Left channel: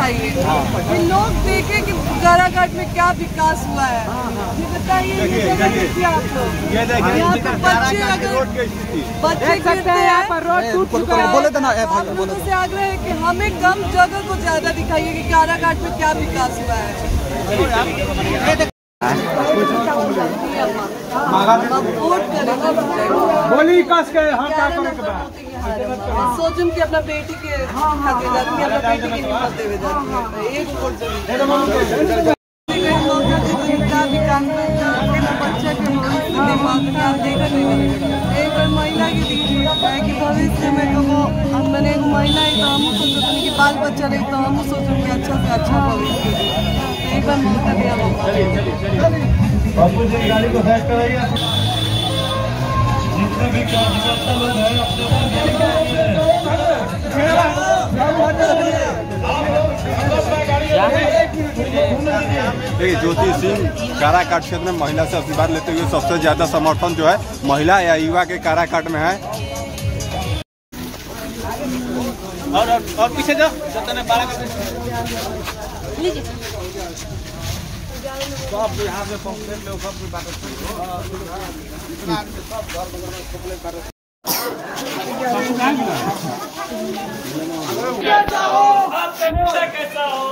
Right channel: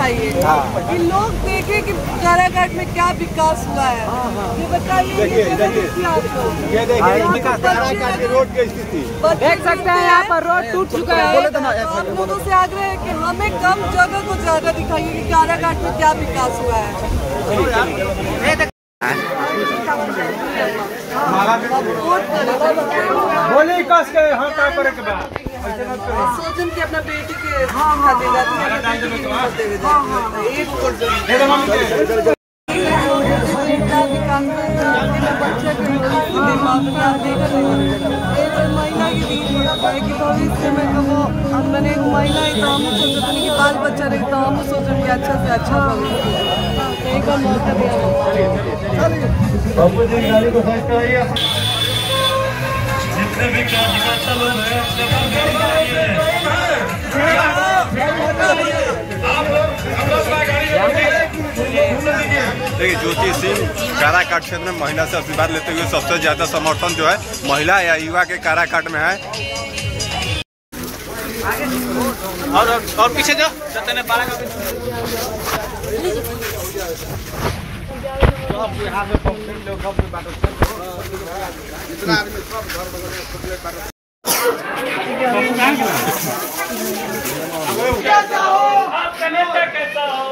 दिखाइए कि लोग देखें कि काराकाट में क्या विकास हुआ है। ये बताइए, ये देखिए काराकाट की रोड की स्थिति देख सकते हैं, यहाँ पर रोड टूट चुका है। आप लोगों से आग्रह है कि हमें कम जगह को ज्यादा दिखाइए कि काराकाट में क्या विकास हुआ है। बोली कस के हम क्या करे के बाद सोचन की अपना बेटी के खाते जाती है, अपना बेटी के खाते हुए जाती है। एक वोट भी काम करते बच्चे के भविष्य आप देख रहे हैं। एक बार महिला की दीजिए कि भविष्य में तो वो मैंने एक महिला है तो हम सोचते कि बाल बच्चा रहे तो हम सोचें कि अच्छा से अच्छा भविष्य। एक बार मौका दिया बापू जी गाड़ी को फैक्ट कराइए। जितने भी कार्यकर्ता लोग हैं देखिए, ज्योति सिंह काराकाट क्षेत्र में महिला से आशीर्वाद लेते हुए सबसे ज्यादा समर्थन जो है महिला या युवा के काराकाट में है। और पीछे जाओ आपका नेता कैसा हो,